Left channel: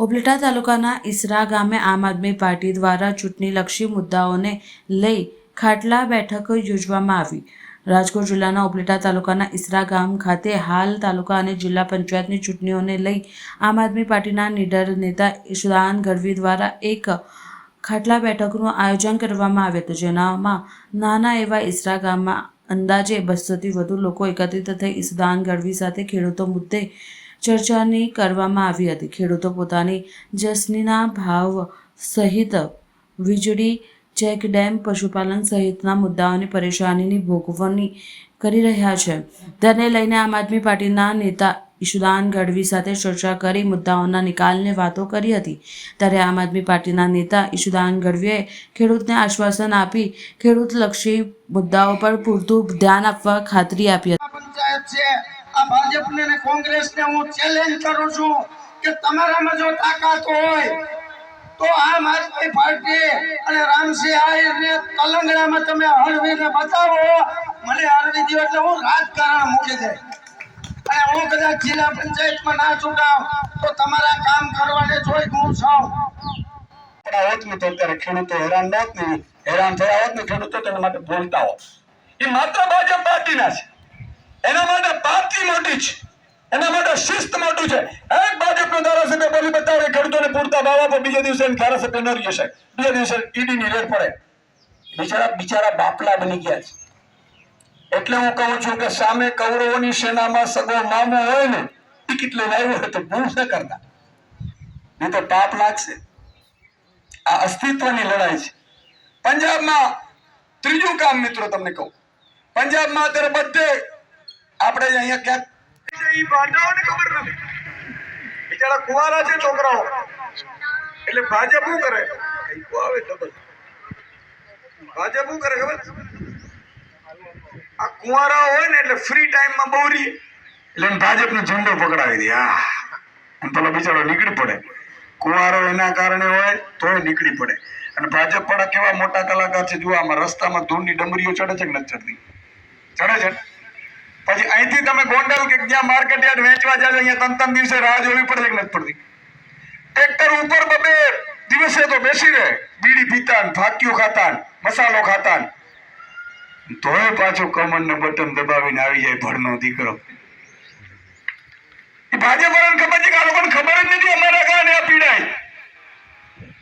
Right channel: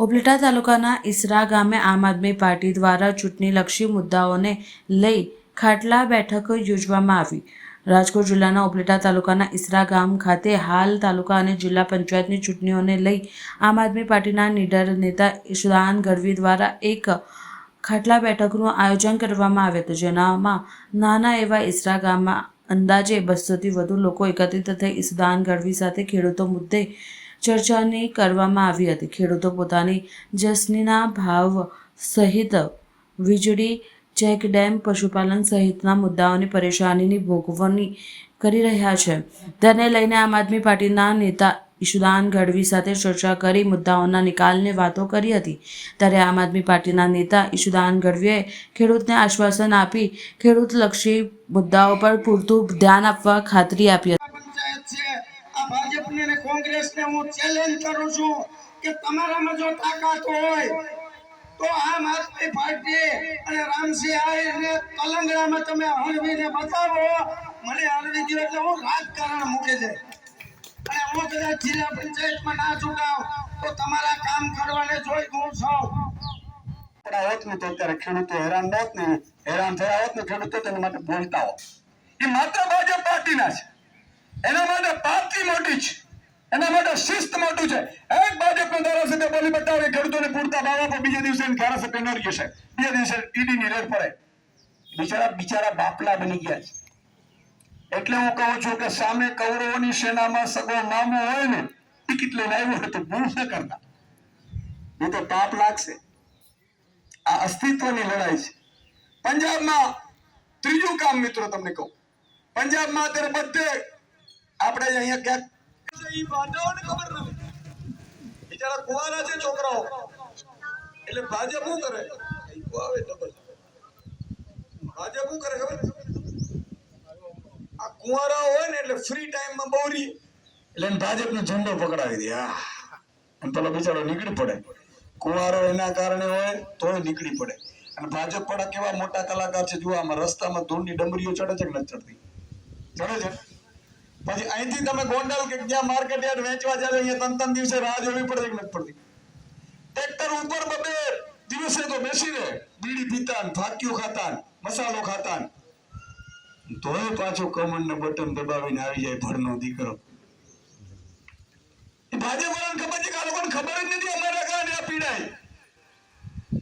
ઉપલેટા તાલુકાના ઈસરા ગામે આમ આદમી પાર્ટી દ્વારા ચૂંટણીલક્ષી મુદ્દાઓને લઈ ખાટલા બેઠક યોજવામાં આવી। રાજકોટ જિલ્લાના ઉપલેટા તાલુકાના ઈસરા ગામ ખાતે હાલ તાલુકા અને જિલ્લા પંચાયતની ચૂંટણીઓને લઈ આમ આદમી પાર્ટીના નીડર નેતા ઈશુદાન ગઢવી દ્વારા એક ખાટલા બેઠકનું આયોજન કરવામાં આવ્યું હતું, જેનામાં નાના એવા ઈસરા ગામમાં અંદાજે 200થી વધુ લોકો એકત્રિત થઈ ઈશુદાન ગઢવી સાથે ખેડૂતો મુદ્દે ચર્ચાની કરવામાં આવી હતી। ખેડૂતો પોતાની જસનીના ભાવ સહિત વીજળી, ચેક ડેમ, પશુપાલન સહિતના મુદ્દાઓની પરેશાનીની ભોગવણી કરી રહ્યા છે, તેને લઈને આમ આદમી પાર્ટીના નેતા ઈશુદાન ગઢવી સાથે ચર્ચા કરી મુદ્દાઓના નિકાલની વાતો કરી હતી। ત્યારે આમ આદમી પાર્ટીના નેતા ઈશુદાન ગઢવીએ ખેડૂતને આશ્વાસન આપી ખેડૂતલક્ષી મુદ્દાઓ પર પૂરતું ધ્યાન આપવા ખાતરી આપી હતી। આ ભાજપને અને કોંગ્રેસને હું ચેલેન્જ કરું છું કે તમારામાં જો તાકાત હોય તો આમ આદમી પાર્ટી અને રામસિંહ આહિરને તલંગણામાં તમે હળવીને બતાવો। મને હળવી દો એટલે હું રાજકારણ મૂકી દે અને હું કદાચ જિલ્લા પંચાયતમાં ના ચૂંટાવ તો તમારા કામ કરવાને જોઈ હું છું। પણ હોત ને તો અત્યારે ખેડૂતો હેરાન હોત ને, હેરાન થયા હોત ને ખેડૂતો તેના માટે બોલતા હોત। એ માત્ર ભાજપ પાર્ટીના છે, એના માટે પાર્ટી મોટી છે, એના માટે શિસ્ત મોટું છે। એક ભાજપનો ધારાસભ્ય બોલી બતાવે ખેડૂતોને પૂરતા ભાવ આપો, બીજા દિવસે ધારાસભ્ય ન રહી જશે, બીજા દિવસે ઈડીની રેડ પડે। બિચારા બાપલા બની ગયા છે। એટલે હું કહું છું કે સામે કૌરવોની સેનામાં સગો મામો હોય ને, ટિકિટ લઈને આવ્યો હોય તો ભૂલ ન કરતા, નહીં તો પાપ લાગશે। આ અસ્તિત્વની લડાઈ છે। પંજાબમાં ત્રીજું કામ મિત્રો તમને કહું, પંજાબમાં અત્યારે બધે આપણે અહીંયા ક્યાંક ઈ ભાજપને ખબર નથી, બિચારા કુવારા છે છોકરાઓ, એટલે ભાજપ શું કરે, ભાજપ શું કરે ખબર, આ કુવારા હોય ને એટલે ફ્રી ટાઈમમાં બોરી એટલે ભાજપનો ઝંડો પકડાવી દે, અને પેલો બિચારો નીકળી પડે। કુવારો એના કારણે હોય તોય નીકળી પડે। અને ભાજપ વાળા કેવા મોટા કલાકાર છે, જુઓ આમાં રસ્તામાં ધૂળની ડમરીઓ ચડે છે કે નથી ચડતી? ચડે છે। પછી અહીંથી તમે ગોંડલ કે જ્યાં માર્કેટ યાર્ડ વેચવા જાવ અહીંયા 3 દિવસે રાહ જોવી પડે કે નથી પડતી? ટ્રેક્ટર ઉપર 2 દિવસે તો બેસી રહે, બીડી પીતા, ફાક્યું ખાતા, મસાલો ખાતા, તોય પાછો કમરને બટન દબાવીને આવી જાય ભરનો દીકરો। એ ભાજપ વાળાને ખબર છે કે આ લોકોને ખબર જ નથી અમારા કારણે આ પીડાય।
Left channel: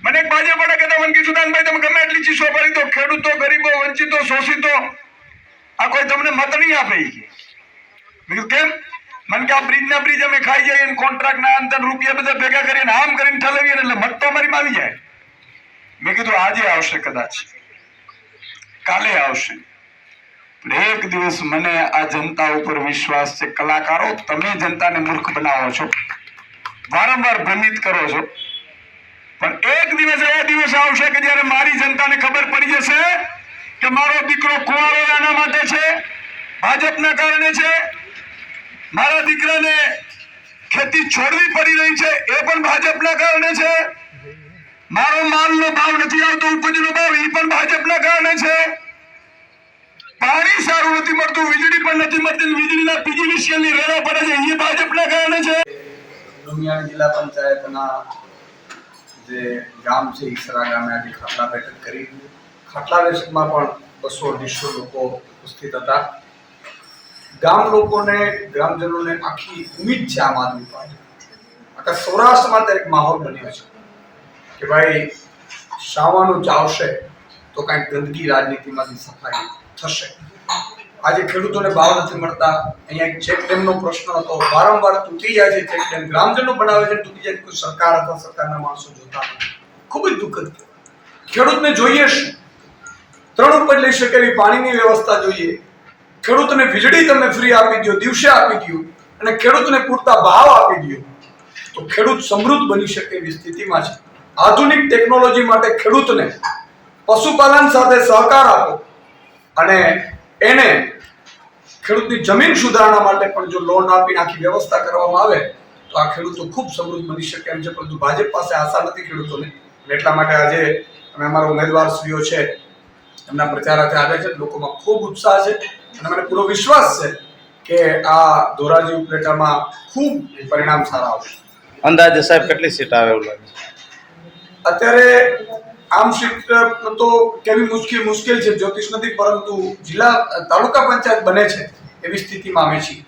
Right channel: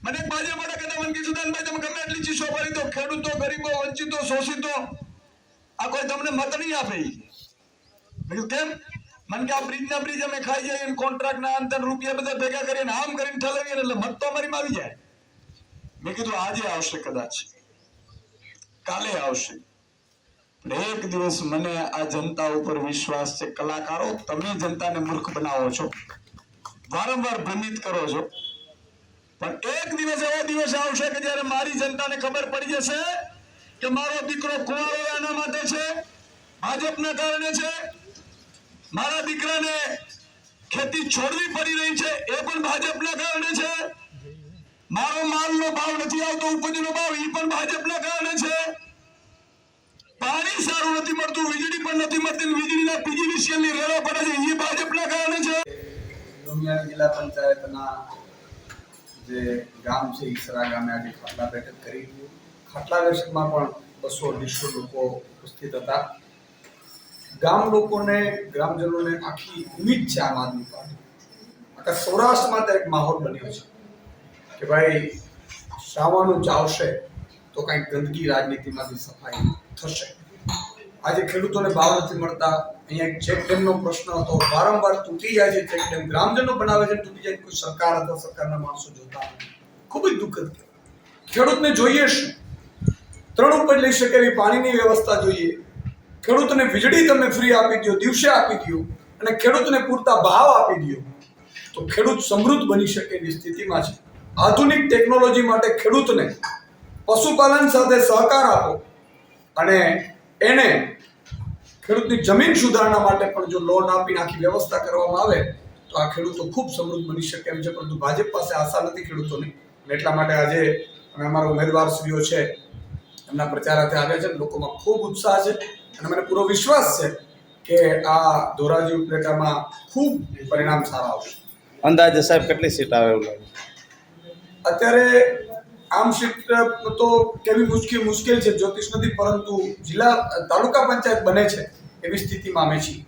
મને એક ભાજપ વાળા કહેતા, મને કિશુદાનભાઈ તમે ગમે એટલી ચીસો ભરી દો, ખેડૂતો, ગરીબો, વંચિતો, શોષિતો આ કોઈ તમને મત નહીં આપે। મેં કેમ? મને કે આ બ્રિજના બ્રિજ અમે ખાઈ જઈએ, કોન્ટ્રાક્ટના અંતર રૂપિયા બધા ભેગા કરીને આમ કરીને ઠલવીએ એટલે મત તો અમારીમાં આવી જાય। મેં કીધું આજે આવશે, કદાચ કાલે આવશે, પણ એક દિવસ મને આ જનતા ઉપર વિશ્વાસ છે। કલાકારો તમે જનતાને મૂર્ખ બનાવો છો, વારંવાર ભ્રમિત કરો છો, પણ એક દિવસ એવો દિવસ આવશે કે જ્યારે મારી જનતાને ખબર પડી જશે કે મારો દીકરો કુંવારો આના માટે છે, ભાજપના કારણે છે, મારા દીકરાને ખેતી છોડવી પડી રહી છે એ પણ ભાજપના કારણે છે, મારો માલનો ભાવ નથી આવતો, ઉપજનો ભાવ એ પણ ભાજપના કારણે છે, પાણી સારું નથી મળતું, વીજળી પણ નથી મળતી, વીજળીના પીજીવીસીએલની રેડા પડે છે એ ભાજપના કારણે છે। ડુમિયાણ જિલ્લા પંચાયતના જે ગામ છે ઈસરા ગામે આજે ખાટલા બેઠક કરી। ખાટલા બેઠકમાં પણ 200-250 લોકો ઉપસ્થિત હતા। ગામ લોકોને, ગ્રામજનોને આખી ઉમ્મીદ છે આમ આદમી પાર્ટી, આખા સૌરાષ્ટ્રમાં તો એક માહોલ બન્યો છે કે ભાઈ શાવાનું ચાવશે તો કાંઈક ગંદકી રાજનીતિમાંથી સફાઈ થશે। આજે ખેડૂતોને ભાવ નથી મળતા, અહીંયા એક ચેક ડેમનો પ્રશ્ન હતો, વારંવાર તૂટી જાય છે ચેક ડેમ, ગ્રામજનો બનાવે છે તૂટી જાય, કોઈ સરકાર અથવા સરકારના માણસો જોતા ખૂબ જ દુઃખદ। ખેડૂતને જોઈએ શું? 3 ઉપજ લઈ શકે એવી પાણીની વ્યવસ્થા જોઈએ, ખેડૂતને વીજળી તમે ફ્રી આપી દો, દિવસે આપી દો, અને ખેડૂતને પૂરતા ભાવ આપી દો તો ખેડૂત સમૃદ્ધ બની શકે એવી સ્થિતિમાં છે। આધુનિક ટેકનોલોજી માટે ખેડૂતને પશુપાલન સાથે સહકાર આપો અને એને ખેડૂતની જમીન સુધારણા માટે પણ જો લોન આપીને આખી વ્યવસ્થા કરવામાં આવે તો આ ખેડૂતો ખૂબ સમૃદ્ધ બની શકે એમ છે। પરંતુ ભાજપ પાસે આશા નથી ખેડૂતોને, એટલા માટે આજે અમે અમારા ઉમેદવારશ્રીઓ છે એમના પ્રચારાર્થે આવ્યા છે। લોકોમાં ખૂબ ઉત્સાહ છે અને મને પૂરો વિશ્વાસ છે કે આ ધોરાજી ઉપલેટામાં ખૂબ પરિણામ સારા આવશે। અંદાજે સાહેબ કેટલી સીટ આવે એવું લાગે છે? અત્યારે આમ સીટ તો કેવી મુશ્કેલ છે જ્યોતિષ નથી, પરંતુ જિલ્લા તાલુકા પંચાયત બને છે એવી સ્થિતિમાં અમે છીએ.